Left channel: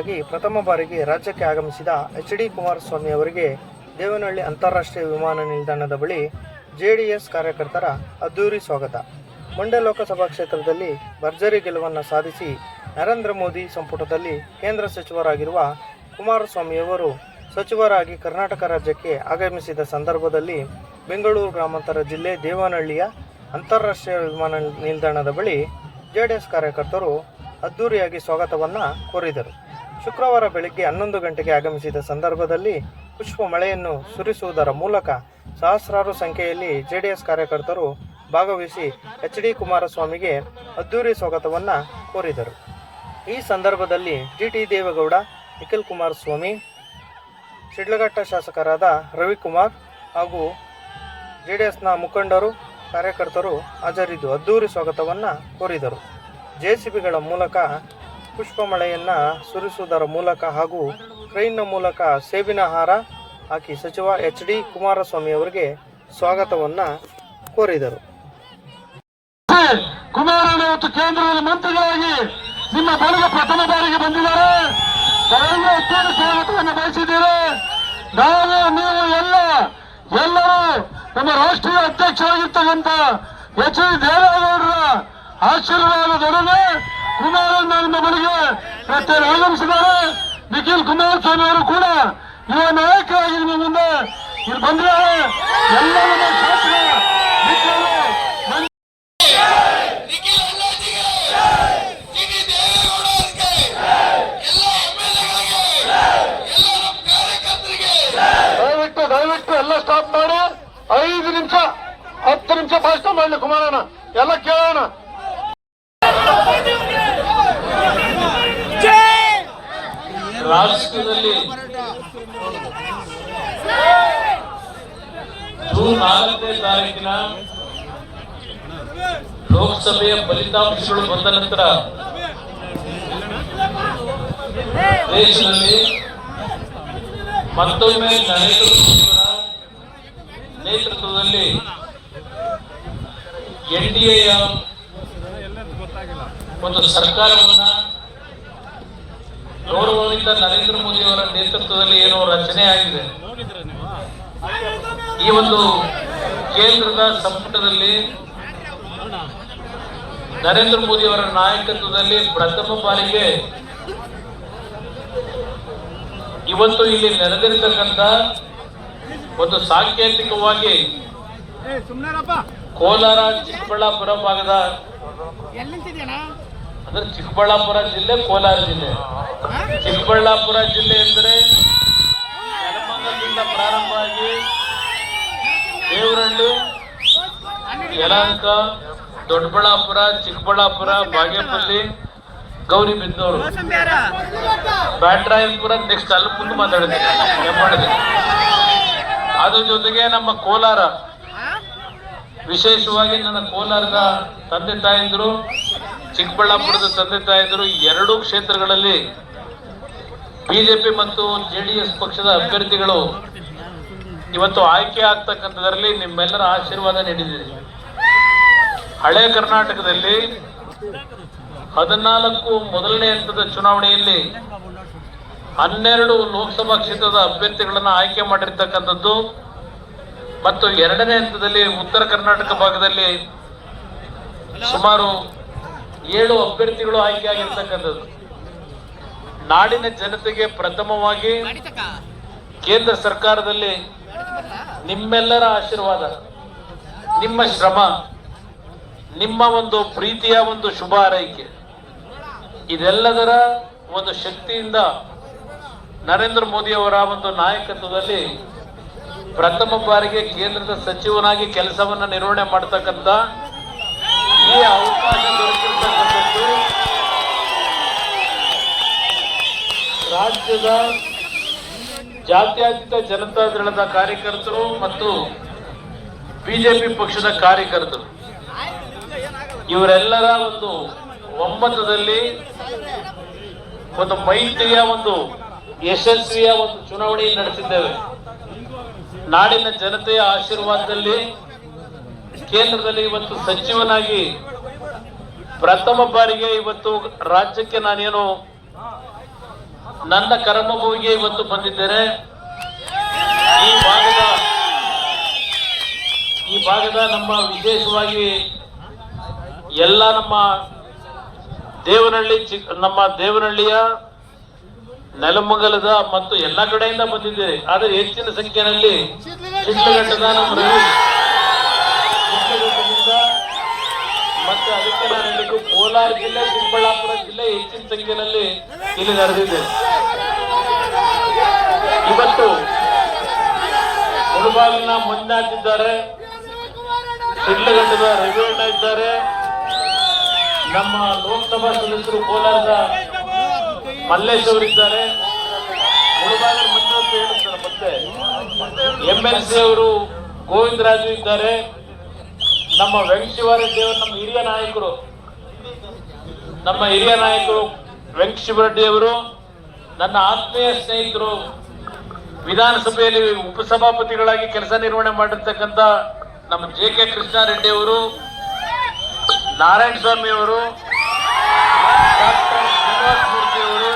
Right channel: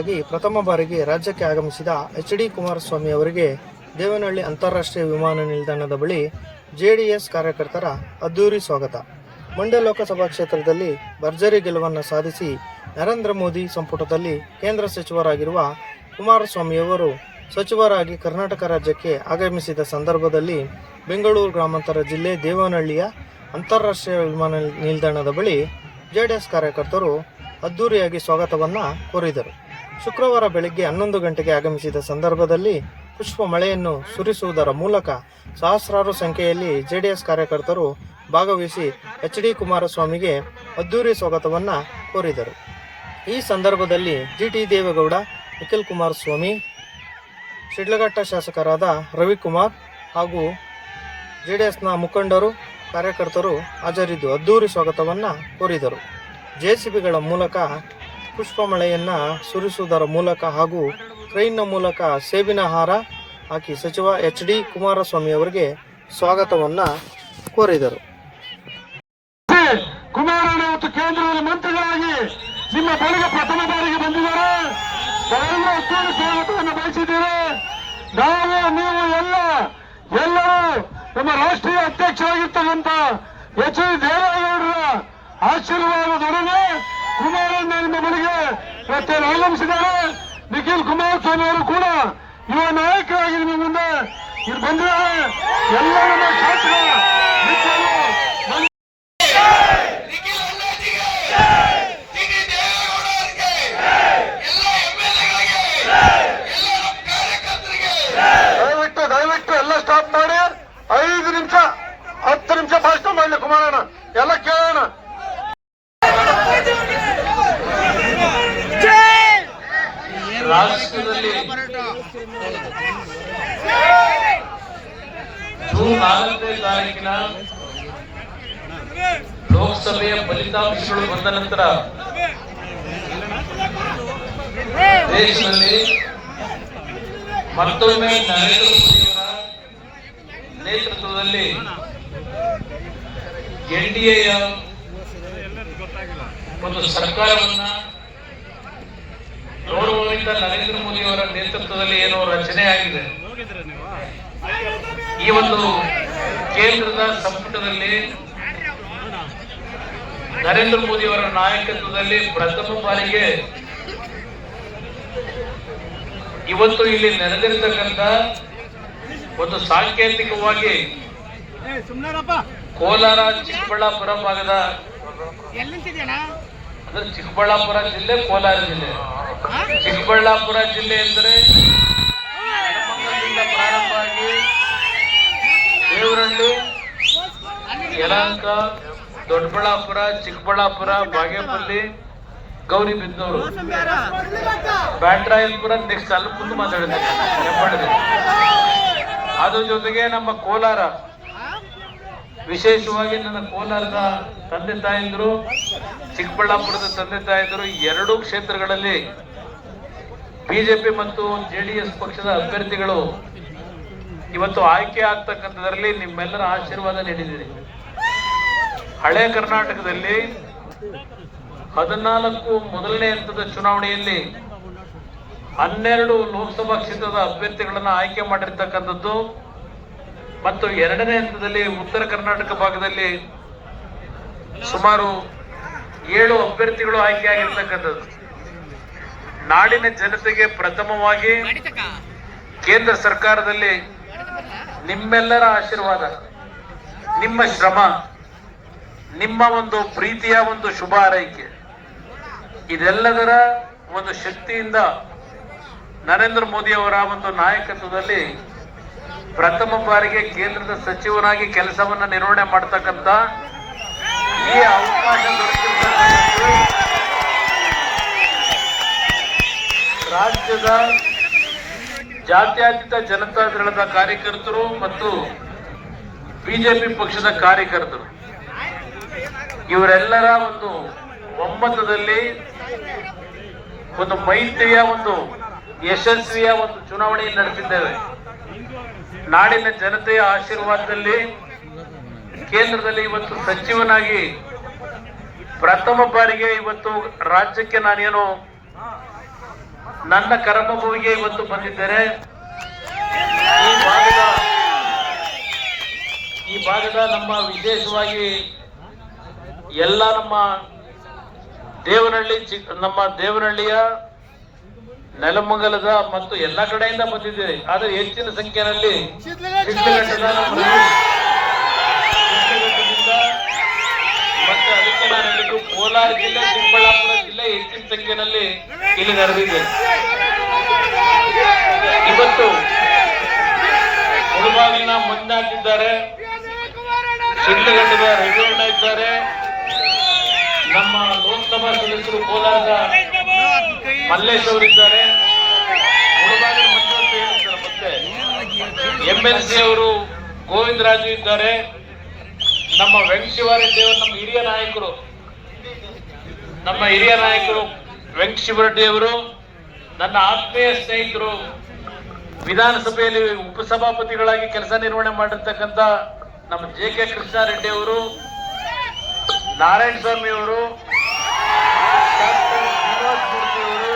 ಕೇಂದ್ರ ಪ್ರಥಮ ಬಾರಿಗೆ ರಾಜ್ಯಕ್ಕೆ ಆಗಮಿಸಿದ ಎಚ್ ಡಿ ಕುಮಾರಸ್ವಾಮಿ ಅವರಿಗೆ ದೇವನಹಳ್ಳಿ ಅಂತಾರಾಷ್ಟ್ರೀಯ ವಿಮಾನ ನಿಲ್ದಾಣದ ಬಳಿ ಜೆಡಿಎಸ್ ಕಾರ್ಯಕರ್ತರ ಅದ್ದೂರಿ ಸ್ವಾಗತ. ಮಂಡ್ಯ ಲೋಕಸಭಾ ಕ್ಷೇತ್ರದಲ್ಲಿ ಭರ್ಜರಿ ಗೆಲುವನ್ನು ಸಾಧಿಸಿ ನರೇಂದ್ರ ಮೋದಿ ಸಂಪುಟದಲ್ಲಿ ಕೇಂದ್ರ ಸಚಿವರಾಗಿರುವ ಕುಮಾರಸ್ವಾಮಿಯವರು ಸಚಿವರಾಗಿ ಕರ್ನಾಟಕ ರಾಜ್ಯಕ್ಕೆ ಆಗಮಿಸಿದ ಸಂದರ್ಭದಲ್ಲಿ ಬೆಂಗಳೂರು ಗ್ರಾಮಾಂತರ ಜಿಲ್ಲೆ ದೇವನಹಳ್ಳಿಯ ಅಂತಾರಾಷ್ಟ್ರೀಯ ವಿಮಾನ ನಿಲ್ದಾಣದ ಬಳಿ ಜೆಡಿಎಸ್ ಕಾರ್ಯಕರ್ತರು ಅದ್ದೂರಿಯಾಗಿ ಸ್ವಾಗತವನ್ನು ಕೋರಿದರು. ಶುಕ್ರವಾರ ಬೆಳಗ್ಗೆ ಹನ್ನೊಂದು ಗಂಟೆಗೆ ಆಗಮಿಸಿದ ಸಂದರ್ಭದಲ್ಲಿ ಪುಷ್ಪ ಮಳೆಯನ್ನು ಸುರಿಸುವುದರ ಮೂಲಕ ಸಹಸ್ರಾರು ಸಂಖ್ಯೆಯಲ್ಲಿ ಜೆಡಿಎಸ್ ಕಾರ್ಯಕರ್ತರು ಭಾಗವಹಿಸಿ ಎಚ್ ಡಿ ಕುಮಾರಸ್ವಾಮಿಗೆ ಅದ್ದೂರಿ ಸ್ವಾಗತವನ್ನು ಕೋರಿದರು. ಈ ಸಂದರ್ಭದಲ್ಲಿ ಜಿ ಟಿ ದೇವೇಗೌಡ, ನಿಖಿಲ್ ಕುಮಾರಸ್ವಾಮಿ, ಶಿಡ್ಲಘಟ್ಟ ಶಾಸಕರಾದ ರವಿಕುಮಾರ್ ಹಾಗೂ ಜೆ ಡಿ ಎಸ್ನ ಮುಖಂಡರು, ಕಾರ್ಯಕರ್ತರು ಹಾಜರಿದ್ದು ಅದ್ದೂರಿ ಸ್ವಾಗತವನ್ನು ಕೋರಿದರು. ಜೆಸಿಬಿಗಳ ಮೂಲಕ ಪುಷ್ಪ ಮಳೆಯನ್ನು ಸುರಿಸುವುದರ ಮೂಲಕ ಹಾಗೂ ಕ್ರೈನ್ನ ಮೂಲಕ ಸೇಬಿನ ಹಾರ ಹಾಕಿ ಸಚಿವ ಎಚ್ ಡಿ ಕುಮಾರಸ್ವಾಮಿ ಅವರಿಗೆ ಸ್ವಾಗತವನ್ನು ಕೋರಿದರು. ಕುಮಾರಣ್ಣ ಮತ್ತು ಕೇಂದ್ರದಲ್ಲಿ ಮಂತ್ರಿಗಳಾಗಿ ನಿಮ್ಮ ಬಳಿಗೆ ಪ್ರಥಮ ಬಾರಿಗೆ ಬಂದಿದ್ದಾರೆ. ಸ್ವಾಗತವನ್ನು ಬಯಸಿದ್ದೀರಿ ನಾವು, ನೀವು ಎಲ್ಲ, ಎಲ್ಲರೂ ನಮ್ಮ ರಾಷ್ಟ್ರೀಯ ಅಧ್ಯಕ್ಷರಾಗಿರ್ತಕ್ಕಂಥ ಎಚ್ ಡಿ ದೇವೇಗೌಡರ ಆಶೀರ್ವಾದದೊಡನೆ ಕುಮಾರಣ್ಣ ನಿಮ್ಮ ಬಳಿಗೆ ಮತ್ತೆ ಆಗಮಿಸಿದ್ದಾರೆ ನಿಖಿಲ್ ಕುಮಾರಸ್ವಾಮಿ ಅವರು ಕೂಡ ಯುವ ನಾಯಕರಾಗಿ ನಿಮ್ಮ ಮುಂದೆ ಇಲ್ಲಿ ಬಂದಿದ್ದಾರೆ ಎಲ್ಲ ನಮ್ಮ ಶಾಸಕ ದಯವಿಟ್ಟು ದಯವಿಟ್ಟು ಎಲ್ಲ ಸ್ಟಾಪ್ ಮಾಡಿ. ಐದು ನಿಮಿಷ ಹತ್ತು ನಿಮಿಷ ಭಾಷಣ ಮಾಡಲಿ ಕುಮಾರಣ್ಣ. ಎಲ್ಲ ಕೇಳೋಣ. ರಾಷ್ಟ್ರದಲ್ಲಿ ಜೂನ್ ನಾಲ್ಕನೇ ತಾರೀಕಿನ ಲೋಕಸಭೆಯ ಫಲಿತಾಂಶಗಳು ಬಂದ ನಂತರ ದೇಶದಲ್ಲಿ ಮತ್ತೊಮ್ಮೆ ನರೇಂದ್ರ ಮೋದಿಯವರ ನೇತೃತ್ವದಲ್ಲಿ ಎನ್ ಡಿ ಎಯ ಒಂದು ಸರ್ಕಾರವನ್ನ ಗೌರವಯುತ ನರೇಂದ್ರ ಮೋದಿ ಅವರ ನೇತೃತ್ವದಲ್ಲಿ ಏನು ರಚನೆ ಆಗಿದೆ. ಈ ಒಂದು ಕೇಂದ್ರದ ಸಂಪುಟದಲ್ಲಿ ನರೇಂದ್ರ ಮೋದಿ ಅವರ ನಾಯಕತ್ವದಲ್ಲಿ ಪ್ರಥಮ ಬಾರಿಗೆ ಇವತ್ತು ಇಲ್ಲಿ ನೆರೆದಿರ್ತಕ್ಕಂಥ ಒಂದು ಸಾಂಕೇತಿಕವಾಗಿ ಕೋಲಾರ ಚಿಕ್ಕಬಳ್ಳಾಪುರ ಭಾಗದ ಅಂದ್ರೆ ಚಿಕ್ಕಬಳ್ಳಾಪುರ ಜಿಲ್ಲೆ, ಕೋಲಾರ ಜಿಲ್ಲೆ. ಚಿಕ್ಕಬಳ್ಳಾಪುರ ಜಿಲ್ಲೆ ಎಂದರೆ ನೆಲಮಂಗಲದಿಂದ ಪ್ರಾರಂಭ ಆಗಿ ದೇವರಹಳ್ಳಿ, ಯಲಹಂಕ, ದೊಡ್ಡಬಳ್ಳಾಪುರ, ಚಿಕ್ಕಬಳ್ಳಾಪುರ, ಬಾಗೇಪಲ್ಲಿ ಗೌರಿಬಿದನೂರು ಬ್ಯಾಟ್ರಾಯಪುರ ನೆಕ್ಸ್ಟ್ ಅಲ್ಲಿ ಮುಂದೆ ಮಾತಾಡಿದ್ದೀನಿ ಅದ್ರ ಜೊತೆಗೆ ನಮ್ಮ ಕೋಲಾರ. ವಿಶೇಷವಾಗಿ ನನ್ನ ಕೋಲಾರದ ತಂದೆ ತಾಯಂದಿರು ಚಿಕ್ಕಬಳ್ಳಾಪುರದ ತಂದೆ ತಾಯಂದಿರು ಎರಡೂ ಕ್ಷೇತ್ರಗಳಲ್ಲಿ ಬಿಜೆಪಿ ಮತ್ತು ಜೆಡಿಎಸ್ ಪಕ್ಷದ ಅಭ್ಯರ್ಥಿಗಳು ಇವತ್ತು ಆಯ್ಕೆ ಆಗ್ತಕ್ಕಂಥದ್ರಲ್ಲಿ ನಿಮ್ಮೆಲ್ಲರ ಆಶೀರ್ವಾದ ನೀಡಿದ್ದೀರಿ. ಹಳೆ ಕರ್ನಾಟಕದಲ್ಲಿ ಹದಿನಾಲ್ಕು ಮೊದಲನೇ ಹಂತದ ಚುನಾವಣೆಯಲ್ಲಿ ಹನ್ನೆರಡು ಲೋಕಸಭಾ ಕ್ಷೇತ್ರದ ಅಭ್ಯರ್ಥಿಗಳನ್ನು ಆಯ್ಕೆ ಮಾಡಿರ್ತಕ್ಕಂಥದ್ದು ಮತ್ತು ಎರಡನೇ ಹಂತದಲ್ಲಿ ಉತ್ತರ ಕರ್ನಾಟಕ ಭಾಗದಲ್ಲಿ ಸುಮಾರು ಏಳು ಅಭ್ಯರ್ಥಿಗಳು ಆಯ್ಕೆಯಾಗಿರ್ತಕ್ಕಂಥದ್ದು. ನಾಡಿನ ಜನತೆಗೆ ಪ್ರಥಮವಾಗಿ ಕೇಂದ್ರ ಸರ್ಕಾರದಲ್ಲಿ ನಿಮ್ಮೆಲ್ಲರ ಆಶೀರ್ವಾದ, ನಿಮ್ಮ ಶ್ರಮ, ನಿಮ್ಮ ಒಂದು ಪ್ರೀತಿಯ ಒಂದು ಶುಭ ಆರೈಕೆ ಇದೆಲ್ಲದರ ಒಂದು ಶಕ್ತಿಯಿಂದ ನರೇಂದ್ರ ಮೋದಿ ಅವರ ಒಂದು ನಾಯಕತ್ವದಲ್ಲಿ ಪ್ರಥಮ ಬಾರಿಗೆ ಕೇಂದ್ರದ ಸಚಿವನಾಗಿ ಕೆಲಸವನ್ನು ನಿರ್ವಹಣೆ ಮಾಡ್ತಕ್ಕಂಥ ಈ ಅವಕಾಶ ದೊರಕಿರ್ತಕ್ಕಂಥದ್ದು ರಾಜ್ಯದ ಜಾತ್ಯತೀತ ಜನತಾ ದಳದ ಕಾರ್ಯಕರ್ತರು ಮತ್ತು ಬಿಜೆಪಿ ಪಕ್ಷದ ಕಾರ್ಯಕರ್ತರು. ಇವರೆಲ್ಲರ ಒಂದು ಒಮ್ಮತದಲ್ಲಿ ಒಂದು ಮೈತ್ರಿಯ ಒಂದು ಯಶಸ್ವಿಯ ಒಂದು ಚುನಾವಣೆ ನಡೆಸಿದ್ದೇವೆ. ನಾಡಿನ ಜನತೆಯ ಆಶೀರ್ವಾದದಲ್ಲಿ ಕೇಂದ್ರದಲ್ಲಿ ಇವತ್ತು ಸಚಿವನಾಗಿ ಪ್ರಥಮ ಬಾರಿಗೆ ಇವತ್ತು ರಾಜ್ಯಕ್ಕೆ ನಾನೇನು ನನ್ನ ಕರ್ಮಭೂಮಿಗೆ ಇವತ್ತು ಬಂದಿದ್ದೇನೆ. ಈ ಭಾಗದ ಈ ಭಾಗದ ನಮ್ಮ ವಿಶೇಷವಾಗಿ ಎಲ್ಲ ನಮ್ಮ ದೇವನಹಳ್ಳಿ ನಮ್ಮ ದೇವನಹಳ್ಳಿಯ ನೆಲಮಂಗಲದ ಮತ್ತು ಎಲ್ಲ ಕಡೆಯಿಂದ ಬಂದಿದ್ದೇವೆ. ಆದರೆ ಹೆಚ್ಚಿನ ಸಂಖ್ಯೆಯಲ್ಲಿ ಶಿಡ್ಲಘಟ್ಟದ ನಮ್ಮ ಅದಕ್ಕೆ ನಾನು ಹೇಳಿದ್ದು ಕೋಲಾರ ಜಿಲ್ಲೆ ಚಿಕ್ಕಬಳ್ಳಾಪುರ ಜಿಲ್ಲೆ ಹೆಚ್ಚಿನ ಸಂಖ್ಯೆಯಲ್ಲಿ ಇಲ್ಲಿ ನಡೆದಿದೆ. ಇವತ್ತು ಮುಳುಬಾಗಿಲಿನ ಮಂಜುನಾಥ್ ಇದ್ದಾರೆ ರವಿಯಣ್ಣ ಇದ್ದಾರೆ. ನಮ್ಮ ಲೋಕಸಭಾ ಸದಸ್ಯರು ಕೋಲಾರದ ಮಲ್ಲೇಶ್ ಅವರಿದ್ದಾರೆ ಮುಳುಬಾಗಿಲು ಅಂತ ಹೇಳ್ತಾರೆ ಮತ್ತೆ. ಎಂ ಎಲ್ ಸಿ ಅವರು ಗೋವಿಂದರಾಜು ಇದ್ದಾರೆ. ನಮ್ಮ ವೆಂಕಟಶಿವಾರೆಡ್ಡಿ ದೇವರು ನಮ್ಮ ಹಿರಿಯ ನಾಯಕರು, ನಮ್ಮ ಹಿರಿಯ ನಾಯಕರು ವೆಂಕಟಶಿವರೆಡ್ಡಿಯವರು ನನ್ನ ಆತ್ಮೀಯ ಸ್ನೇಹಿತರು, ವಿಧಾನಸಭೆಯಲ್ಲಿ ಉಪಸಭಾಪತಿಗಳಾಗಿ ಕೆಲಸ ನಿರ್ವಹಣೆ ಮಾಡಿರ್ತಕ್ಕಂಥ ನಮ್ಮ ಜೆ ಕೆ ಕೃಷ್ಣಾರೆಡ್ಡಿ ಅವರು, ನಾರಾಯಣ ಸ್ವಾಮಿ ಅವರು, ಡಾಕ್ಟರ್ ಶ್ರೀನಿವಾಸ ಮೂರ್ತಿ ಅವರು,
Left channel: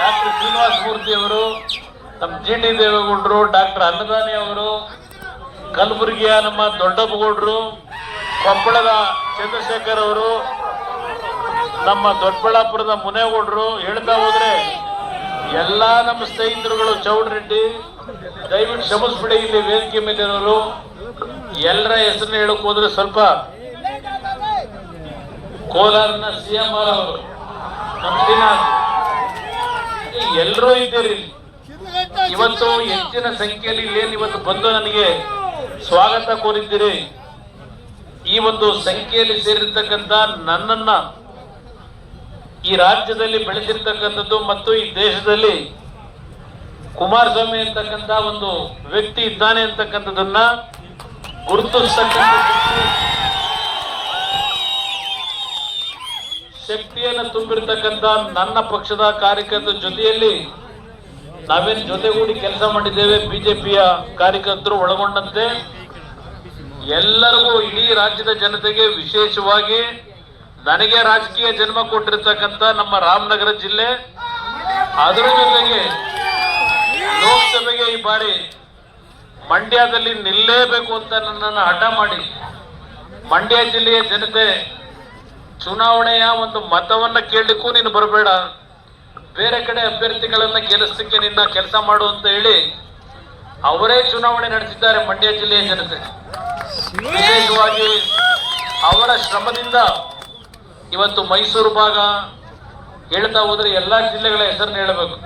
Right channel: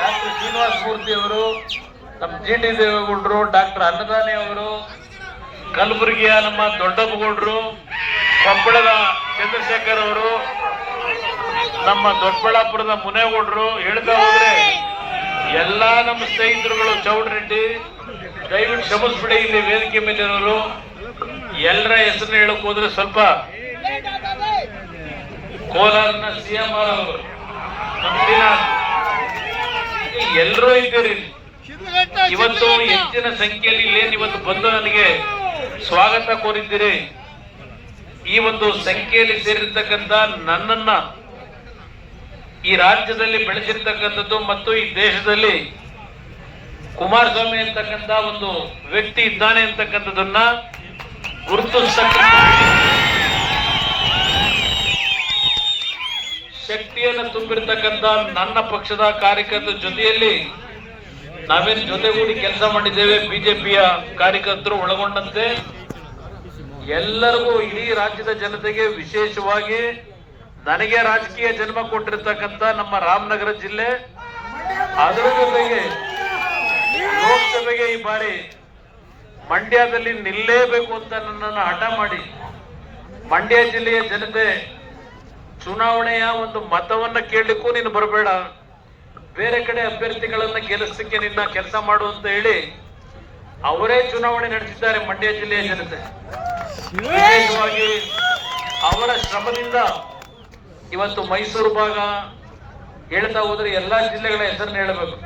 ಡಾಕ್ಟರ್ ಶ್ರೀನಿವಾಸ ಮೂರ್ತಿ ಅವರು, ನಮ್ಮ ಜಿ ಡಿ ದೇವೇಗೌಡರು, ಡಾಕ್ಟರ್ ಅನ್ನದಾನಿ ಅವರು ಕಲಬುರಗಿಯ ನಮ್ಮ ದೊಡ್ಡಪ್ಪಗೌಡರು, ಕೊಪ್ಪಳದ ಚಂದ್ರಶೇಖರ್ ಅವರು, ನಮ್ಮ ದೊಡ್ಡಬಳ್ಳಾಪುರದ ಮುನೇಗೌಡರು ಹೇಳ್ತಾ ಹೋದ್ರೆ, ಎಲ್ಲಾ ನಮ್ಮ ಸ್ನೇಹಿತರುಗಳು ಚೌಡರೆಡ್ಡಿ ದಯವಿಟ್ಟು ಶಮಸ್ಬಿಡಿ ಇಲ್ಲಿ ವೇದಿಕೆ ಮೇಲಿರೋರು ಎಲ್ಲರ ಹೆಸರನ್ನ ಹೇಳಕ್ ಹೋದ್ರೆ ಸ್ವಲ್ಪ ಕೋಲಾರನ ಸಿಎಂ ಅವರು ಎಲ್ಲರೂ ಇದ್ದೀರಿ. ಇವತ್ತು ಹೆಚ್ಚಿನ ಸಂಖ್ಯೆಯಲ್ಲಿ ಇಲ್ಲೇನು ಇವತ್ತು ಬಂದು ನನಗೆ ಸ್ವಾಗತ ಕೋರಿದ್ದೀರಿ. ಈ ಒಂದು ಸಂಖ್ಯೆಯಲ್ಲಿ ಸೇರಿರ್ತಕ್ಕಂಥ ನನ್ನನ್ನ ಈ ರಾಜ್ಯದಲ್ಲಿ ಬೆಳೆಸಿರ್ತಕ್ಕಂಥದ್ದು ಮತ್ತು ಈ ದೇಶದಲ್ಲಿ ಕುಮಾರಸ್ವಾಮಿ ಅಂತಕ್ಕಂಥ ಒಂದು ವ್ಯಕ್ತಿ ಇದ್ದಾನೆ ಅಂತಕ್ಕಂಥದ್ದನ್ನ ಗುರುತಿಸ್ತಕ್ಕಂಥ ಶಕ್ತಿಯನ್ನು ತುಂಬಿರ್ತಕ್ಕಂಥ ನನ್ನ ಪಕ್ಷದ ಕಾರ್ಯಕರ್ತರ ಜೊತೆಯಲ್ಲಿ ನಾವೇನು ಜೊತೆಗೂಡಿ ಕೆಲಸ ಮಾಡಿದ್ದೇವೆ. ಬಿಜೆಪಿಯ ಕಾರ್ಯಕರ್ತರು ಒಳಗೊಂಡಂತೆ ಎಲ್ಲರಿಗೂ ಇಡೀ ರಾಜ್ಯದ ಜನತೆಗೆ ವಿಶೇಷವಾಗಿ ನನಗೆ ರಾಜಕೀಯ ಜನ್ಮ ಕೊಟ್ಟಿರ್ತಕ್ಕಂಥ ನಮ್ಮ ರಾಮನಗರ ಜಿಲ್ಲೆ, ಅದರ ಜೊತೆಗೆ ಲೋಕಸಭೆಗೆ ಈ ಬಾರಿ ಮಂಡ್ಯದಲ್ಲಿ ನಿಲ್ಲೇಬೇಕು ಅಂತ ನನ್ನನ್ನು ಹಠ ಮಾಡಿ ಮಂಡ್ಯ ಜಿಲ್ಲೆಯ ಜನತೆ ಚುನಾವಣೆಯ ಒಂದು ಮತವನ್ನ ಕೇಳಲಿಕ್ಕೂ ನೀನು ಬರಬೇಡ. ಬೇರೆ ಕಡೆ ಅಭ್ಯರ್ಥಿಗಳನ್ನ ಗೆಲ್ಲಿಸಲಿಕ್ಕೆ ನಿನ್ನ ಕೆಲಸ ಮಾಡು ಅಂತ ಹೇಳಿ ಅವರೇ ಚುನಾವಣೆ ನಡೆಸಿದ್ದಾರೆ ಮಂಡ್ಯ ಜಿಲ್ಲೆಯ ಜನತೆ. ವಿಶೇಷವಾಗಿ ಅವರ ಶ್ರಮದಿಂದ ಇವತ್ತು ಮೈಸೂರು ಭಾಗ ಹೇಳ್ತಾ ಹೋದ್ರೆ ಎಲ್ಲಾ ಜಿಲ್ಲೆಗಳ ಹೆಸರನ್ನ ಹೇಳಬೇಕು.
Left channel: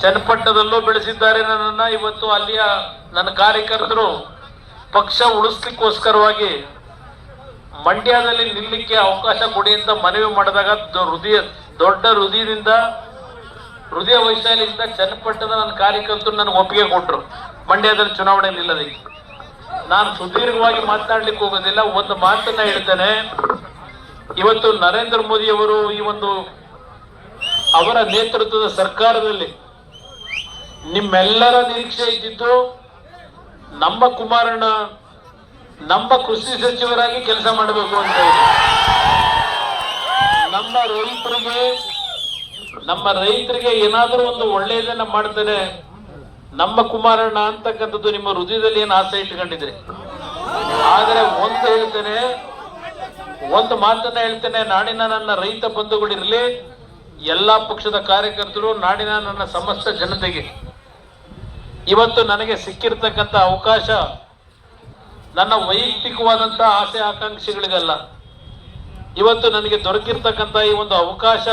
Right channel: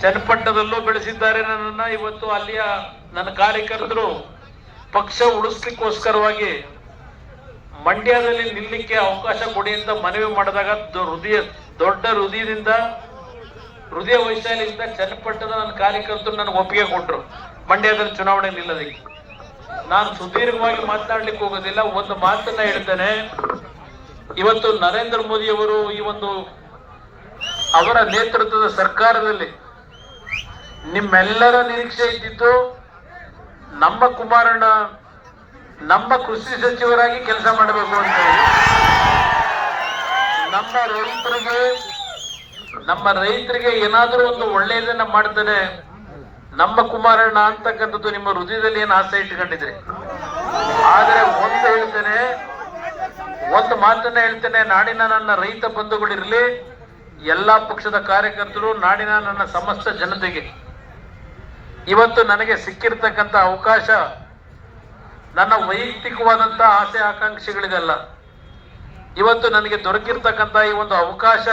ಚನ್ನಪಟ್ಟಣದಲ್ಲೂ ಬೆಳೆಸಿದ್ದಾರೆ ನನ್ನನ್ನ. ಇವತ್ತು ಅಲ್ಲಿಯ ನನ್ನ ಕಾರ್ಯಕರ್ತರು ಪಕ್ಷ ಉಳಿಸ್ಲಿಕ್ಕೋಸ್ಕರವಾಗಿ ಮಂಡ್ಯದಲ್ಲಿ ನಿಲ್ಲಕ್ಕೆ ಅವಕಾಶ ಕೊಡಿ ಅಂತ ಮನವಿ ಮಾಡಿದಾಗ ಹೃದಯ, ದೊಡ್ಡ ಹೃದಯದಿಂದ, ಹೃದಯ ವೈಶಾಲಿಯಿಂದ ಚನ್ನಪಟ್ಟಣದ ನನ್ನ ಕಾರ್ಯಕರ್ತರು ನನಗೆ ಒಪ್ಪಿಗೆ ಕೊಟ್ಟರು ಮಂಡ್ಯದಲ್ಲಿ ಚುನಾವಣೆ ನಿಲ್ಲದಕ್ಕೆ ನಾನು ಸುದೀರ್ಘವಾಗಿ ಮಾತನಾಡ್ಲಿಕ್ಕೆ ಹೋಗೋದಿಲ್ಲ, ಒಂದು ಮಾತನ್ನ ಹೇಳ್ತೇನೆ. ಇವತ್ತು ನರೇಂದ್ರ ಮೋದಿ ಅವರು ಈ ಒಂದು ಅವರ ನೇತೃತ್ವದ ಸರ್ಕಾರದಲ್ಲಿ ನಿಮ್ಮೆಲ್ಲರ ನಿರೀಕ್ಷೆ ಇದ್ದಿದ್ದು ನಮ್ಮ ಕುಮಾರಣ್ಣ, ನಮ್ಮ ಕೃಷಿ ಸಚಿವರಾಗಿ ಕೆಲಸ ಮಾಡಬೇಕು ಅಂತ ಹೇಳಿ ನಮ್ಮ ರೈತರಿಗೆ ನಮ್ಮ ರೈತರಿಗೆ ಏನಾದರೂ ಒಂದು ಒಳ್ಳೆಯದನ್ನ ಮಾಡ್ತಾನೆ. ನಮ್ಮ ಕುಮಾರಣ್ಣ ಅಂತಕ್ಕಂಥದ್ದು ನಿಮ್ಮ ಹೃದಯದಲ್ಲಿ ಏನು ಆಸೆ ಇಟ್ಕೊಂಡಿದ್ರಿ ಆದರೆ ಒಂದು ಹೇಳ್ತೇನೆ, ಒಂದು ಮಾತನ್ನ ಹೇಳ್ತೇನೆ, ನಾಡಿನ ನನ್ನ ರೈತ ಬಂಧುಗಳಿರಲಿ ಎಲ್ಲಾ ಪಕ್ಷದ ಕಾರ್ಯಕರ್ತರು, ನಾಡಿನ ನನ್ನ ಸಮಸ್ತ ಜನತೆಗೆ. ಇವತ್ತು ನನಗೆ ಸಿಕ್ಕಿರ್ತಕ್ಕಂಥ ಅವಕಾಶ ನನ್ನ ವೈಯಕ್ತಿಕವಾದಂಥ ಆಸೆ ಆಕಾಂಕ್ಷೆಗಳಿದೆಲ್ಲ ಇವತ್ತು ನನಗೆ ದೊರಕಿರ್ತಕ್ಕಂಥ ಈ ಒಂದು ಅವಕಾಶ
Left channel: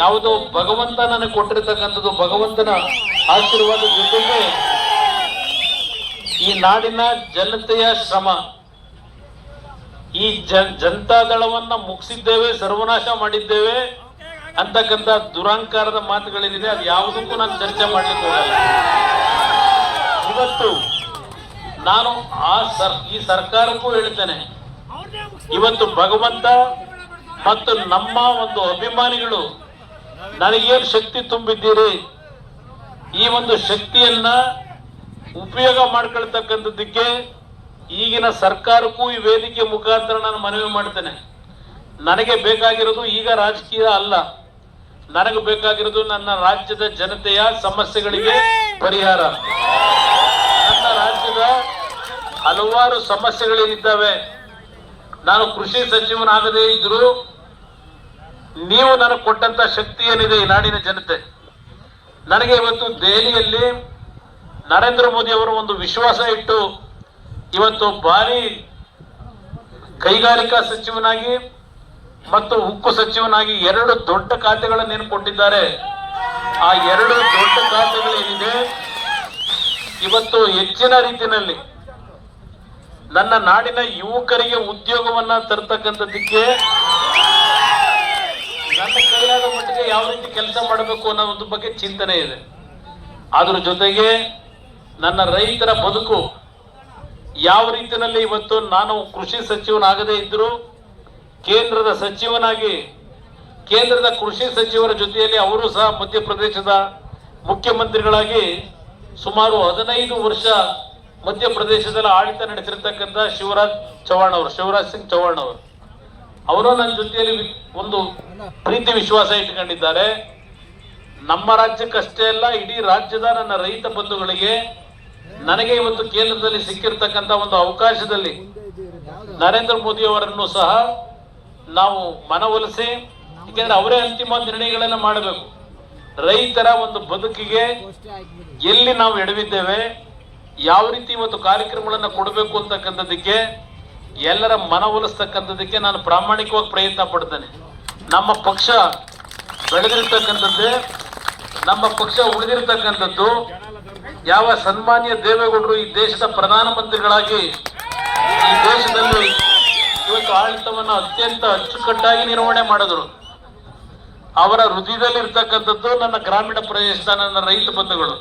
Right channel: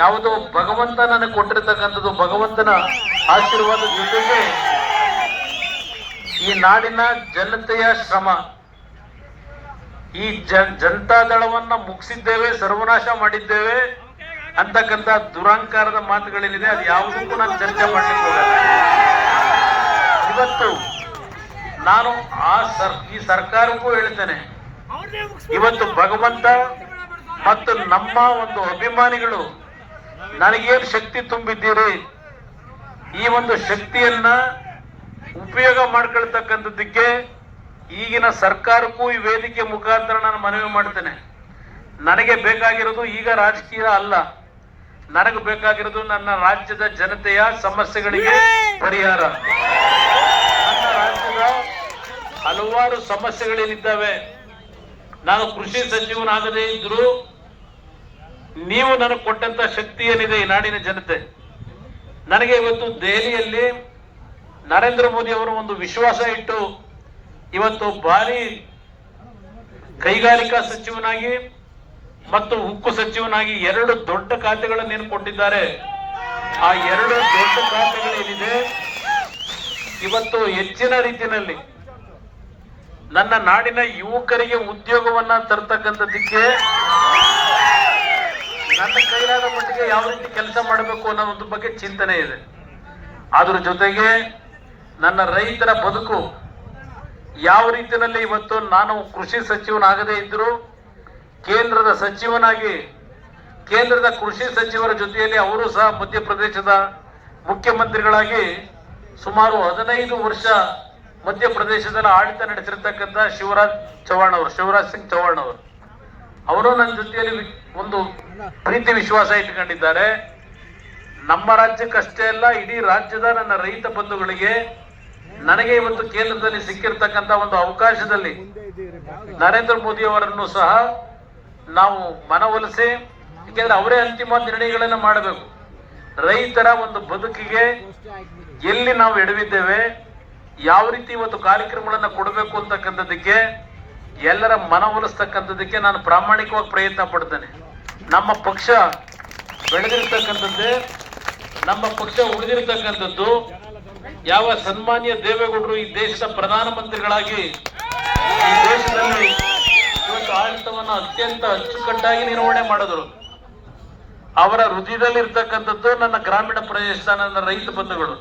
ಯಾವುದೋ ಭಗವಂತ ನನಗೆ ಕೊಟ್ಟಿರ್ತಕ್ಕಂಥದ್ದು ಭಗವಂತನ ಆಶೀರ್ವಾದ ಜೊತೆಗೆ ಈ ನಾಡಿನ ಜನತೆಯ ಶ್ರಮ. ಈ ಜನತಾ ದಳವನ್ನ ಮುಗಿಸಿದ್ದೇವೆ, ಸರ್ವನಾಶ ಮಾಡಿದ್ದೇವೆ ಅಂತಕ್ಕಂಥ ದುರಂಕಾರದ ಮಾತುಗಳೇನಿದೆ, ಅದು ಯಾವುದಕ್ಕೂ ನಾನು ಚರ್ಚೆ ಮಾಡ್ಲಿಕ್ಕೆ ಹೋಗಲ್ಲ. ಇವತ್ತು ನಾನು ಆ ಸರ್, ಈ ಸರ್ಕಾರಕ್ಕೂ ಹೇಳ್ತೇನೆ, ಇವತ್ತು ಭಗವಂತ ಮತ್ತು ನಮ್ಮ ಒಂದು ಅಭಿಮಾನಿಗಳು ನನಗೇನು ಶಕ್ತಿ ತುಂಬಿದ್ದೀರಿ? ಈ ಒಂದು ಶಕ್ತಿಯನ್ನ ಉಪಯೋಗ ಮಾಡ್ಕೊಳ್ತಕ್ಕಂಥದ್ದಕ್ಕೆ ಈಗಿನ ಸರ್ಕಾರಕ್ಕೂ ಈ ವೇದಿಕೆ ಮುಖಾಂತರ ನಾನು ಮನವಿ ಮಾಡ್ತೇನೆ. ನನಗೆ ಬೇಕಾಗಿರೋದು ಈಗ ರಾಜಕೀಯ ಅಲ್ಲ. ನನಗೆ ಬೇಕಾಗಿರೋದು ನನ್ನ ರಾಜ್ಯದ ಜನತೆಯ ಸಮಸ್ಯೆಗಳಿಗೆ ಪರಿಹಾರ. ನನ್ನ ರಾಜ್ಯದ ಹಲವಾರು ಸಮಸ್ಯೆಗಳೇನಿದ್ದಾವೆ. ನಾನು ಕೃಷಿ ಸಚಿವನಾಗದೇ ಇದ್ರೂ ನೀವು ನನಗೆ ಕೊಟ್ಟಂತ ಶಕ್ತಿ ಏನಿದೆ ಈ ನಾಡಿನ ಜನತೆ? ನನಗೆ ಇವತ್ತು ದೆಹಲಿಯಲ್ಲಿ ನರೇಂದ್ರ ಮೋದಿ ಅವರು ಒಂದು ವಿಶ್ವಾಸ ಇಟ್ಟು ಇವತ್ತು ಭಾರಿ ಕೈಗಾರಿಕಾ ಸಚಿವನಾಗಿ ಮತ್ತು ಉಕ್ಕು ಸಚಿವನಾಗಿ ಎರಡು ದೊಡ್ಡ ಖಾತೆಗಳನ್ನು ಕೊಟ್ಟಿದ್ದಾರೆ? ಆ ಎರಡು ದೊಡ್ಡ ಖಾತೆಗಳೇನಿದೆ? ಇವತ್ತು ಹೆಚ್ಚಿನ ರೀತಿಯಲ್ಲಿ ನನ್ನ ನಾಡಿನ ಯುವಕರಿಗೆ ಉದ್ಯೋಗವನ್ನ ತರ್ತಕ್ಕಂಥದ್ದಕ್ಕೆ ನನ್ನ ಕೈಲಾದ ಮಟ್ಟಿಗೆ ಯಾವ ರೀತಿ ಕೆಲಸ ಮಾಡಬೇಕು ಅನ್ನೋ ಒಂದು ಬಗ್ಗೆ ಚಿಂತನೆ ಇದೆ. ಅದ್ರ ಜೊತೆಗೆ ನನ್ನ ರೈತರ ಬದುಕು ಯಾವ ರೀತಿಯಲ್ಲಿ ಇವತ್ತು ನಾನು ಕೃಷಿ ಸಚಿವನಾಗದೇ ಇದ್ದರೂ ಕೇಂದ್ರದ ಸಚಿವನಾಗಿ ಕೇಂದ್ರದ ಕೃಷಿ ಸಚಿವರ ಜೊತೆಯಲ್ಲಿ ಅವರು ಸಹ ಮಧ್ಯಪ್ರದೇಶದ ಮುಖ್ಯಮಂತ್ರಿಗಳಾಗಿ ಸುಮಾರು ಹದಿನೈದು ವರ್ಷ ಮಧ್ಯಪ್ರದೇಶದಲ್ಲಿ ಆಡಳಿತ ನಡೆಸಿರ್ತಕ್ಕಂಥ ಶಿವರಾಜ್ ಚೌಹಾಣ್ ಅವರು, ಶಿವರಾಜ್ ಸಿಂಗ್ ಚೌಹಾಣ್ ಅವರು. ಅವರು ನನ್ನ ಜೊತೆಯಲ್ಲಿ ಒಂದು ಪ್ರೀತಿ ವಿಶ್ವಾಸ ಇಟ್ಕೊಂಡಿದ್ದಾರೆ. ನಮ್ಮ ರಾಜ್ಯಕ್ಕಷ್ಟೇ ಅಲ್ಲ, ಇಡೀ ರಾಜ್ಯದ ನನ್ನ ರೈತ ಬಂಧುಗಳಿಗೆ ನನಗೆ ಇವತ್ತು ಕೇಂದ್ರದಲ್ಲಿ ಸಿಕ್ಕಿರ್ತಕ್ಕಂಥ ಒಂದು ಅವಕಾಶದಲ್ಲಿ ನರೇಂದ್ರ ಮೋದಿ ಅವರನ್ನು ಸಹ ನಾವು ಮನವೊಲಿಸಿ ಯಾಕೆಂದ್ರೆ ಅವರೇ ಅಂತಿಮ ನಿರ್ಣಯಗಳನ್ನು ಮಾಡಬೇಕು. ರೈತರ ಒಂದು ಬದುಕಿಗೆ ಎಲ್ಲಿ ನಾವು ಎಡವಿದ್ದೇವೆ, ಯಾವ ರೀತಿ ಇವತ್ತು ಕಾರ್ಯಕ್ರಮಗಳನ್ನು ಕೊಡಬೇಕು ಅಂತಕ್ಕಂಥದ್ದಕ್ಕೆ ಎಲ್ಲರ ಮನವೊಲಿಸ್ತಕ್ಕಂಥದ್ದಕ್ಕೆ ನಾನು ಪ್ರಾಮಾಣಿಕವಾಗಿ ಪ್ರಯತ್ನ ಪಡ್ತೇನೆ. ನಮ್ಮ ಪಕ್ಷ ಬೆಳೆದಿರ್ತಕ್ಕಂಥದ್ದೇ, ನಮ್ಮ ಪಕ್ಷ ಉಳಿದಿರ್ತಕ್ಕಂಥದ್ದು, ಯಾವ ಸನ್ಮಾನ್ಯ ದೇವೇಗೌಡರು ಈ ದೇಶದ ಪ್ರಧಾನಮಂತ್ರಿಗಳಾಗಿ ಈ ದೇಶದಲ್ಲಿ ಇವತ್ತು ಆಡಳಿತವನ್ನು ಅತ್ಯಂತ ಅಚ್ಚುಕಟ್ಟಾಗಿ ನಿರ್ವಹಣೆ ಮಾಡಿದ್ರು. ಅವರ ಹೃದಯದಲ್ಲಿ ಇರ್ತಕ್ಕಂಥದ್ದು ನನ್ನ ಗ್ರಾಮೀಣ ಪ್ರದೇಶದ ನನ್ನ ರೈತ ಬಂಧುಗಳು.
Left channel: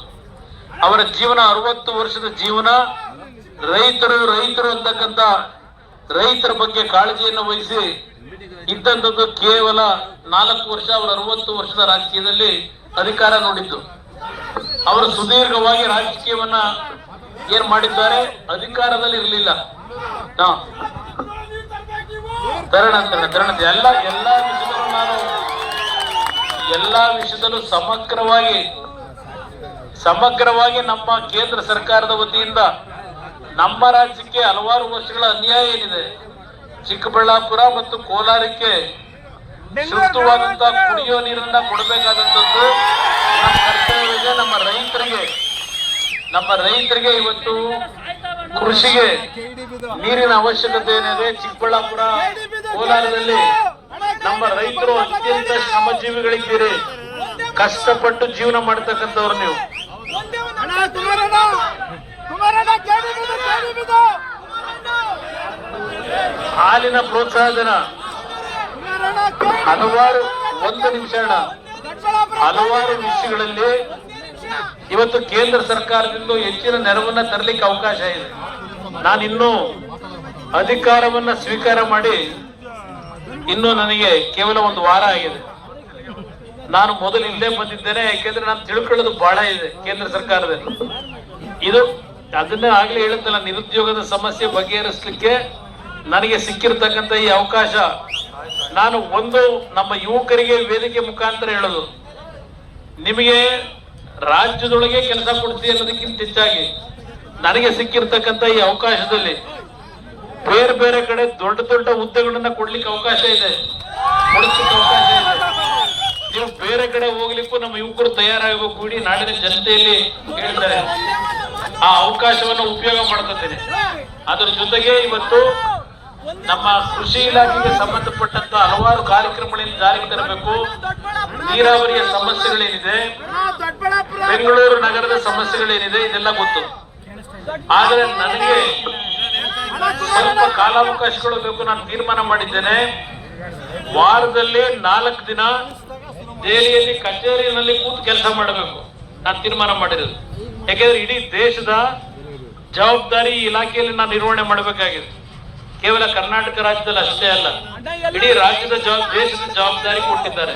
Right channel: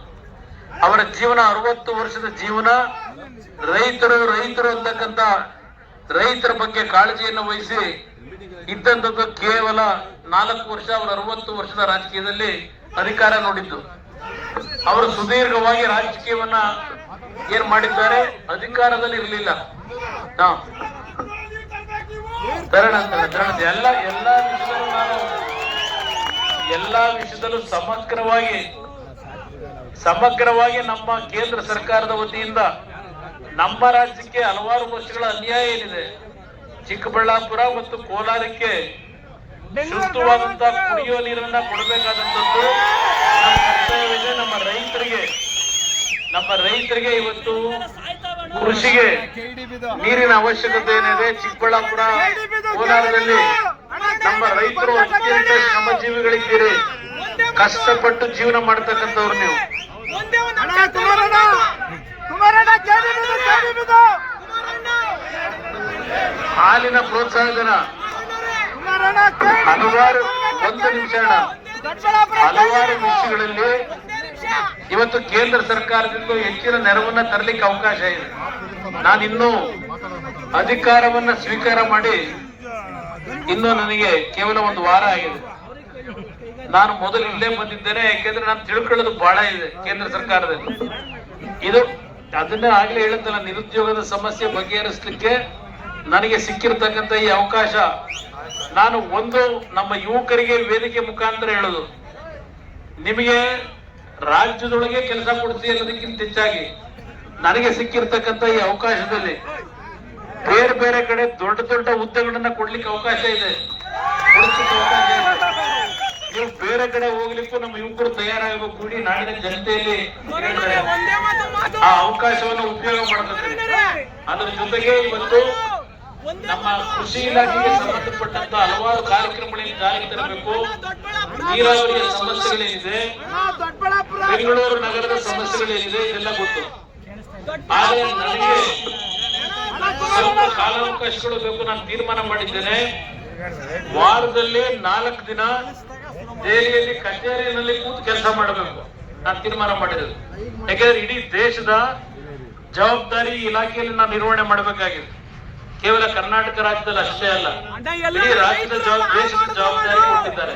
ಅವರ ಜೀವನ ಅರವತ್ತು ವರ್ಷದ ಜೀವನ ರೈತರು ರೈತರು ಅಂತಕ್ಕಂಥ ರೈತರ ಬಗ್ಗೆ ಕಾಳಜಿಯನ್ನು ವಹಿಸಿ ಇದ್ದಂಥದ್ದು ಕೇವಲ ನಾಲ್ಕು ವರ್ಷ ಅವರ ಅರವತ್ತು ವರ್ಷದ ರಾಜಕೀಯದಲ್ಲಿ ಅಧಿಕಾರ ನೋಡಿದ್ದು. ಅವರು ಸುದೀರ್ಘವಾಗಿ ರಾಜಕೀಯವನ್ನ ಏನ್ ಮಾಡಿದ್ದಾರೆ? ಅಧಿಕಾರದಲ್ಲಿ ಇರಲಿಲ್ಲ. ತರಣ ತರಣ ತರಣ. ಎಲ್ಲ, ಎಲ್ಲಾ ವಿಷಯದಲ್ಲೂ ನಾನು, ಎಲ್ಲಾ ವಿಷಯದಲ್ಲೂ ಸಮಗ್ರವಾಗಿ ಸಮಗ್ರವಾಗಿ ನಮ್ಮ ಕೇಂದ್ರ ಸರ್ಕಾರದ ವತಿಯಿಂದ ನಮ್ಮ ರಾಜ್ಯಕ್ಕೆ ಹಲವಾರು ವರ್ಷಗಳ ಅನ್ಯಾಯ ಏನಿದೆ? ಚಿಕ್ಕಬಳ್ಳಾಪುರ ಮತ್ತು ಕೋಲಾರಕ್ಕೆ ಶುದ್ಧವಾದಂತ ಕುಡಿಯೋ ನೀರನ್ನ ಕೊಡಬೇಕಾದಂಥದ್ದು ನಮ್ಮ ಕರ್ತವ್ಯವಿದೆ ನಮ್ಮ ರೈತರಿಗೆ. ನಮ್ಮ ರೈತರಿಗೆ ಇವತ್ತು ಕೃಷಿಗೆ ನೀರಿನ ಅವಶ್ಯಕತೆ ಏನಿದೆ? ಚಿಕ್ಕಬಳ್ಳಾಪುರ, ಕೋಲಾರದಲ್ಲಿ ನಮ್ಮ ರೈತರು ಅತ್ಯಂತ ಶ್ರಮಜೀವಿಗಳಿದ್ದೀರಿ. ಕಷ್ಟಪಟ್ಟು ಜೀವನ ಮಾಡ್ತಕ್ಕಂಥವ್ರು ನೀವು. ಹಾಲಿನ ಪ್ರೋತ್ಸಾಹಧನ ಹಲವಾರು ಒಂದು ನಿಮಿಷ ಹಲವಾರು ವಿಷಯಗಳಲ್ಲಿ ಇವತ್ತು ಕೇಂದ್ರ ಸರ್ಕಾರದಿಂದ ಹೆಚ್ಚಿನ ನೆರವನ್ನ ತರಲಿಕ್ಕೆ ಅವಕಾಶ ಇದೆ. ನಾನಿನ್ನೂ ಅಧಿಕಾರವನ್ನ ಸ್ವೀಕಾರ ಮಾಡಿ ಇನ್ನು ನನಗೆ ಕೇವಲ ಒಂದು ವಾರ ಆಗಿದೆ. ನಾನು ಮೊದಲು ಇಲ್ಲೇ ಬಂದಿದ್ದೇನೆ ಯಾಕೆಂದ್ರೆ ನಾನು ತಿಳ್ಕೊಳ್ಳೋದು ಬಹಳ ಇದೆ ಕೇಂದ್ರ ಸರ್ಕಾರದಲ್ಲಿ. ಇದು ಅದನ್ನೇ ಆಗ್ಲೇ ಹೇಳುತ್ತಲ್ಲ ನಿರುದ್ಯೋಗದ ಸಮಸ್ಯೆ ಬಗೆಹರಿಸಲಿಕ್ಕೆ ನನಗೆ ಸಿಕ್ಕಿರ್ತಕ್ಕಂಥ ಈ ಅವಕಾಶ. ನಾನು ಒಂದು ನಮ್ಮ ಯುವಕರಿಗೆ ವೇದಿಕೆ ಮುಖಾಂತರ ಹೇಳೋದು. ನಿಮಗೆ ರಾಜ್ಯದೊಳಗೆ ಕೆಲಸ ಕೊಡ್ತೀವಿ ಅನ್ನೋದಕ್ಕಿಂತ ಹೆಚ್ಚಾಗಿ ನನಗೆ ಸಿಕ್ಕಿರ್ತಕ್ಕಂಥ ಈ ಅವಕಾಶದಲ್ಲಿ ಬೇರೆ ಬೇರೆ ಕಡೆ ದೊಡ್ಡ ದೊಡ್ಡ ಹುದ್ದೆಗಳನ್ನ ಕೊಡ್ಲಿಕ್ಕೆ ಅವಕಾಶ ಇದೆ. ನೀವು ಬೇರೆ ಕಡೆ ಹೋಗ್ಲಿಕ್ಕೂ ನಮ್ಮ ಯುವಕರು ತಯಾರಾಗಬೇಕು. ಇಡೀ ನಾಡಿನ ಜನತೆಯಲ್ಲಿ ಹೇಳ್ತಾರೆ. ಆ ಅವಕಾಶವನ್ನು ಉಪಯೋಗ ಮಾಡ್ಕೊತೇನೆ ಅದರ ಜೊತೆಗೆ ಇವತ್ತು ನಮ್ಮ ಕೃಷಿ ಇಲಾಖೆಗೆ ಸಂಬಂಧಪಟ್ಟಂತ ಹಲವಾರು ಕಾರ್ಯಕ್ರಮಗಳನ್ನು ಜಾರಿಗೆ ತರಬೇಕು. ನೀರಾವರಿಯ ಸಮಸ್ಯೆಗಳೇನಿದೆ, ಬೆಂಗಳೂರು ನಗರದ ಸಮಸ್ಯೆಗಳೇನಿದೆ ಇದೆಲ್ಲ ಗೊತ್ತು. ಆದರೆ ನನಗೆ ಸ್ವಲ್ಪ ಕಾಲಾವಕಾಶಗಳು ಬೇಕು ನಾನು ತೀರ್ಮಾನ ಮಾಡಿದ್ದೇನೆ. ವಾರದಲ್ಲಿ ನಾಲ್ಕು ದಿನ ದೆಹಲಿಯಲ್ಲಿ ಕಚೇರಿಯಲ್ಲಿ ಕೂತು ಕೆಲಸ ಮಾಡಬೇಕು. ನಾನು ತೀರ್ಮಾನ ಮಾಡಿರೋದು. ಯಾಕೆಂದ್ರೆ ಇಡೀ ದೇಶದ ಜವಾಬ್ದಾರಿ ಇಲಾಖೆಯಲ್ಲಿ ನಾನು ನಿರ್ವಹಣೆ ಮಾಡಬೇಕಾಗಿದೆ. ಕೇವಲ ಕರ್ನಾಟಕ ರಾಜ್ಯದಲ್ಲಿ ಅಷ್ಟೇ ಅಲ್ಲ, ಇಡೀ ರಾಜ್ಯದ ದೇಶದ ಜವಾಬ್ದಾರಿ ಕೊಟ್ಟಿದ್ದಾರೆ.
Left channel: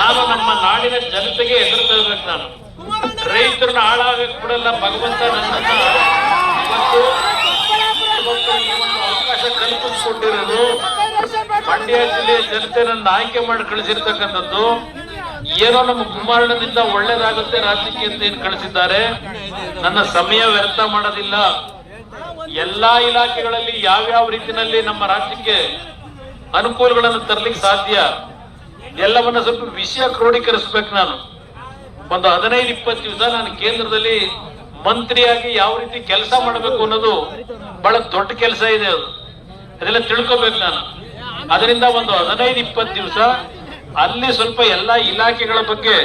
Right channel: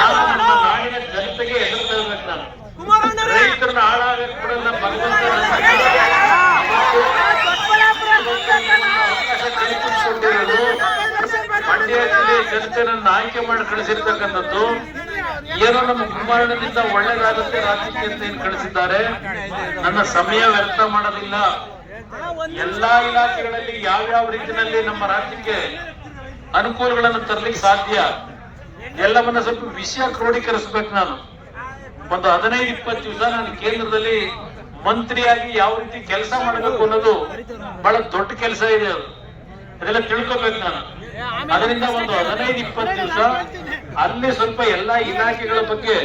ನಾನು ನಮ್ಮ ನಾಡಿನ ಜನತೆಗೆ ಎದುರ್ತಾ ಇರ್ಬೇಕು ನಾನು. ರೈತರನ್ನ ಹಾಳಾಗಕ್ ಬಿಡಲ್ಲ, ಭಗವಂತ ನನ್ನನ್ನ ಅವಕಾಶ ಕಲ್ಪಿಸಿಕೊಂಡಿರೋದು. ಮಂಡ್ಯ ಜಿಲ್ಲೆಯ ಜನತೆ ನನ್ನ ಆಯ್ಕೆ ಮಾಡಿ ಕಳಿಸಿರ್ತಕ್ಕಂಥದ್ದು. ಏನೋ ನಮ್ಮ ಕುಂಭಾರಣದಿಂದ ಒಳ್ಳೇದಾಗುತ್ತೆ, ರಾಜ್ಯಕ್ಕೆ ಅಂತ ಏನ್ ಕಳಿಸಿದ್ದಾರೆ? ನನ್ನ ಸಮಯ ವ್ಯರ್ಥ ಮಾಡೋದಿಲ್ಲ. ಎಲ್ಲಾ ಇಲಾಖೆಗಳಲ್ಲಿ ಯಾವ್ಯಾವ ರೀತಿಯಲ್ಲಿ ನಮ್ಮ ರಾಜ್ಯಕ್ಕೆ ಅನುಕೂಲಗಳನ್ನು ತರ್ಲಿಕ್ಕೆ ಸಾಧ್ಯ? ಎಲ್ಲವನ್ನ ಸ್ವಲ್ಪ ವಿಷಯ ಕ್ರೋಢೀಕರಿಸ್ಬೇಕು ನಾನು. ಒಂದು ಹದಿನೈದು, ಇಪ್ಪತ್ತು ದಿವಸ ನಾನು ಕೇಂದ್ರದಲ್ಲಿ ಮಂತ್ರಿಯಾಗಿ ಯಾವ ರೀತಿ ಕೆಲಸ ಮಾಡಬೇಕು ಅನ್ನೋದು ಬಹಳ ದೊಡ್ಡ ಕೆಲಸ ಇದೆ ಅದು. ಅದೆಲ್ಲ ತಿಳ್ಕೊಬೇಕು ನಾನು. ಅದರಿಂದ ಒಂದು ಹದಿನೈದು, ಇಪ್ಪತ್ತು ದಿವಸ ಅಲ್ಲಿ ಸ್ವಲ್ಪ ಎಲ್ಲಾ ಇಲಾಖೆಗಳ ಬಗ್ಗೆ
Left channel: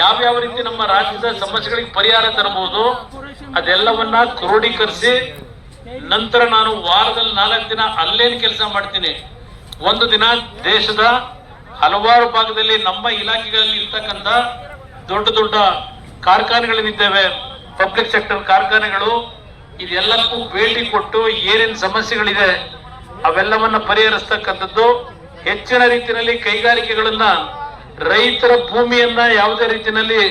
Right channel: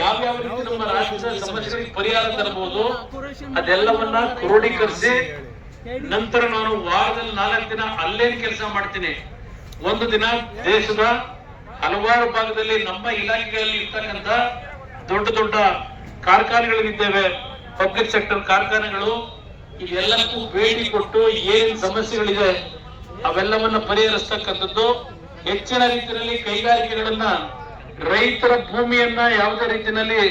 ಯಾವ್ಯಾವ ರೀತಿ ನಮ್ಮ ರಾಜ್ಯದ ಸಮಸ್ಯೆಗಳಿಗೆ ಪರಿಹಾರ ತರಬಹುದು, ಅದೆಲ್ಲವನ್ನ ಕ್ರೋಢೀಕರಿಸಿ ನಂತರ ನಾನು ವಾರದಲ್ಲಿ ನಾಲ್ಕು ದಿನ ಅಲ್ಲೇನ್ ಕೆಲಸ ಮಾಡ್ತೀನಿ. ಒಂದು ದಿನ ದೇಶದ ಹಲವಾರು ಭಾಗದಲ್ಲಿ ನಮ್ಮ ಇಲಾಖೆಗಳಲ್ಲಿ ಇರ್ತಕ್ಕಂಥ ದೊಡ್ಡ ದೊಡ್ಡ ಕಾರ್ಖಾನೆಗಳೇನಿದ್ದೇವೆ ಪಬ್ಲಿಕ್ ಸೆಕ್ಟರ್ ಕಾರ್ಖಾನೆಗಳು, ಇದೆಲ್ಲಕ್ಕೂ ಭೇಟಿ ಕೊಟ್ಟು ಏನೇನು ಸಮಸ್ಯೆಗಳಿದೆ, ಅವೆಲ್ಲವನ್ನ ಪರಿಹರಿಸ್ತಕ್ಕಂಥದ್ದು ಹೆಚ್ಚಿನ ರೀತಿಯಲ್ಲಿ ಕೈಗಾರಿಕೆಗಳನ್ನ ರೈತರ ಭೂಮಿಯನ್ನ ಯಾವುದೇ ರೀತಿಯಲ್ಲಿ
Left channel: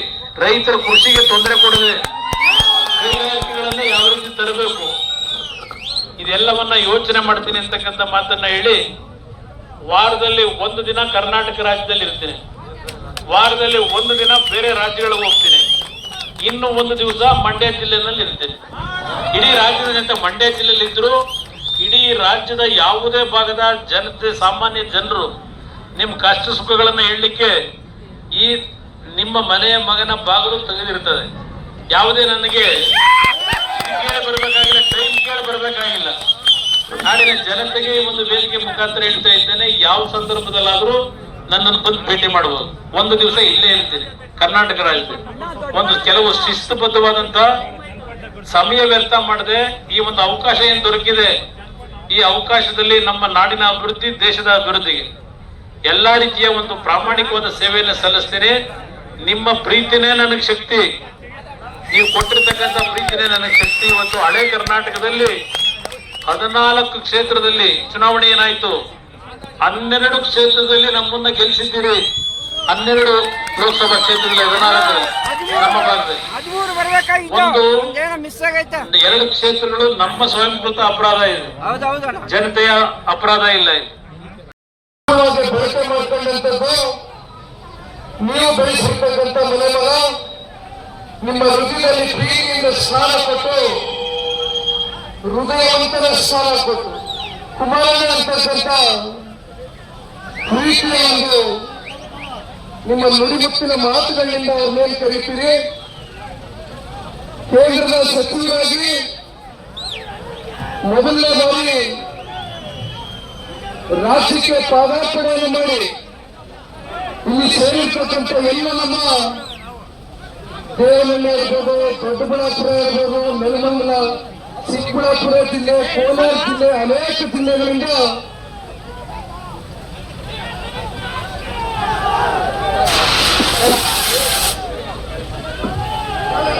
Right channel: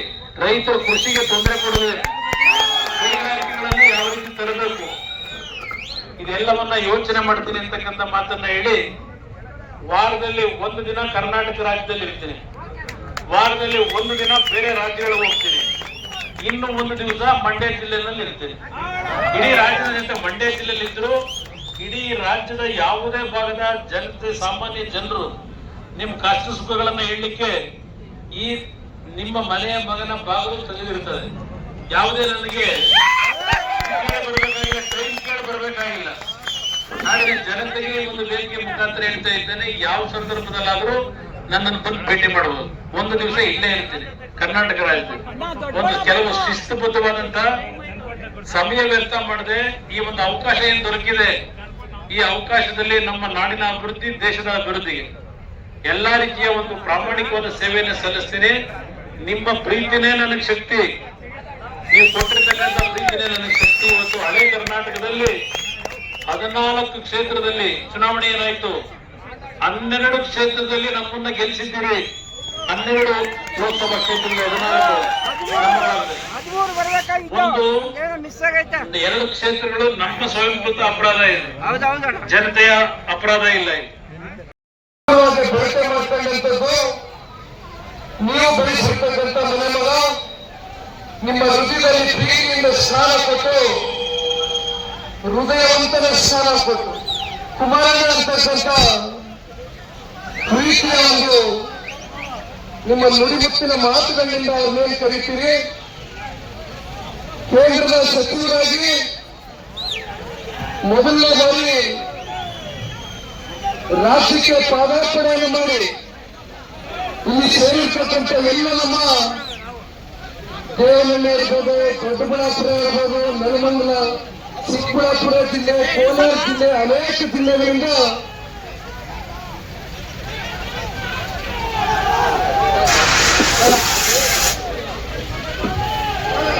ರೈತರ ಕೃಷಿಗೆ ತೊಂದರೆ ಕೊಡದೆ ಕೈಗಾರಿಕೆಗಳನ್ನ ಯಾವ ರೀತಿ ತರಬೇಕು, ಇದೆಲ್ಲವನ್ನ ಯೋಚನೆ ಮಾಡ್ತೀನಿ ಅಂತಕ್ಕಂಥ ಮಾತನ್ನ ಹೇಳಿ ವಾರದಲ್ಲಿ ಒಂದು ದಿನ ಕರ್ನಾಟಕ ರಾಜ್ಯದಲ್ಲಿ ಇರ್ತೀನಿ. ವಾರದಲ್ಲಿ ಒಂದು ದಿನ ಬೇರೆ ರಾಜ್ಯಗಳಿಗೆ ಹೋಗ್ತೀನಿ. ಇನ್ನು ಒಂದು ದಿವಸ ಮಂಡ್ಯ ಜಿಲ್ಲೆನಲ್ಲಿ ಇರ್ತೀನಿ. ಇಡೀ ರಾಜ್ಯದ ಮಂಡ್ಯ ಜಿಲ್ಲೆಯಲ್ಲಿ ಇದ್ರು ರಾಜ್ಯದ ಯಾವುದೇ ಭಾಗದ ಜನತೆ ಸಾಮಾನ್ಯ ಜನರು ನಿಮ್ಮ ಕಷ್ಟ ಸುಖಗಳನ್ನ ಹೇಳಲಿಕ್ಕೆ ಈ ನಿಮ್ಮ ಮನೆಯ ಮಗನ ಬಾಗಿಲು ತೆಗೆದಿರ್ತದೆ. ಯಾವುದೇ ನನಗೆ ಬರಬೇಕಾಗಿಲ್ಲ, ಟೈಮ್ ಕೇಳಿ ಬರಬೇಕಾಗಿಲ್ಲ. ಜನತೆಗೆ ಒಂದು ವೇದಿಕೆ ಮುಖಾಂತರ ಹೇಳ್ತಾ ಇದ್ದೇನೆ, ಯಾವ ಸಂದರ್ಭದಲ್ಲಾದ್ರೂ ನನ್ನನ್ನು ಬಂದು ಭೇಟಿ ಮಾಡಬಹುದು ಒಂದು ದಿವಸ ಇಲ್ಲೇ ಇರ್ತೀನಿ, ಕರ್ನಾಟಕ ರಾಜ್ಯದಲ್ಲಿ. ಒಂದು ಕೆಲವು ಶಿಸ್ತುಬದ್ಧವಾದಂತ ಸಮಯ ವ್ಯರ್ಥ ಮಾಡದೆ ಈ ಒಂದು ಅವಕಾಶ ಏನ್ ದೊರಕಿದೆ ಈ ಅವಕಾಶದಲ್ಲಿ ನಮ್ಮ ನಾಡಿನ ಅಭಿವೃದ್ಧಿ ದೇಶದ ಅಭಿವೃದ್ಧಿಗೆ ಎಲ್ಲಾ ರೀತಿಯ ಒಂದು ಪ್ರಾಮಾಣಿಕವಾದ ಸೇವೆಯನ್ನು ಸಲ್ಲಿಸ್ತೀನಿ. ನಿಮ್ಮ ಪ್ರೀತಿನೇ ನನಗೆ ಶಕ್ತಿ. ನೀವು ಕೊಟ್ಟಿರ್ತಕ್ಕಂಥ ಪ್ರೀತಿನೇ ನನಗೆ ಶಕ್ತಿ. ಇವತ್ತು ಹಳೆ ಕರ್ನಾಟಕದಲ್ಲಿ ಹದಿನಾಲ್ಕು ಕ್ಷೇತ್ರದಲ್ಲಿ ಚುನಾವಣೆ ಏನಾಯ್ತು? ಹನ್ನೆರಡು ಕ್ಷೇತ್ರದಲ್ಲಿ ನಮ್ಮನ್ನ ಗೆಲ್ಲಿಸಿದ್ದೀರಿ ಹನ್ನೆರಡು ಲೋಕಸಭಾ ಕ್ಷೇತ್ರದಲ್ಲಿ ಹದಿನಾಲ್ಕು. ನಮ್ಮ ಭಾಗದಲ್ಲಿ. ಒಂದು ಏನೋ ಮಿಸ್ ಆಗೈತೆ. ಎರಡು ಕ್ಷೇತ್ರಗಳು ನಮ್ಮ ಸ್ವಯಂಕೃತ ಅಪರಾಧ ಇದೆ. ಹೌದೌದಣ್ಣ ಜನತೆಯ ಅಪರಾಧ ಇಲ್ಲ ಇದು. ಬಳಕೆ ಮಾಡ್ಕೊಂಡಂತದ್ದು ನೀವು ಬೆಳೆಸಿರ್ತಕ್ಕಂಥ ಮನೆ ಮಗ ನಿಮ್ಮ ಹೃದಯದಲ್ಲಿ ಪ್ರೀತಿಯಿಂದ ಸ್ನಾನ ಕೊಟ್ಟು ಹೃದಯವಂತನ ಸ್ನಾನ ಕೊಟ್ಟು ಕುಮಾರಣ್ಣ ಅಂತಕ್ಕಂಥ ಪ್ರೀತಿಯ ಒಂದು ನಿಮ್ಮ ನುಡಿಮುತ್ತಿನ ಮಾತುಗಳಿಂದ ಅವ್ರನ್ನೇನು ಕರಿತೀರಿ. ಕೇಂದ್ರದ ಸಚಿವರಾಗಿ ಮೊದಲನೇ ಬಾರಿ ರಾಜ್ಯಕ್ಕೆ ಪಾದಾರ್ಪಣೆಯನ್ನು ಮಾಡಿ ಇಲ್ಲಿ ಸೇರಿರ್ತಕ್ಕಂಥ ಎಲ್ಲ ನಮ್ಮ ದೇವನಹಳ್ಳಿ ಇರ್ಬೋದು ದೊಡ್ಡಬಳ್ಳಾಪುರ ಇರ್ಬೋದು ನೆಲಮಂಗಲ ಚಿಕ್ಕಬಳ್ಳಾಪುರ ಜಿಲ್ಲೆ ಕೋಲಾರ ಜಿಲ್ಲೆ ಅನೇಕ ಜಿಲ್ಲೆಗಳಿಂದ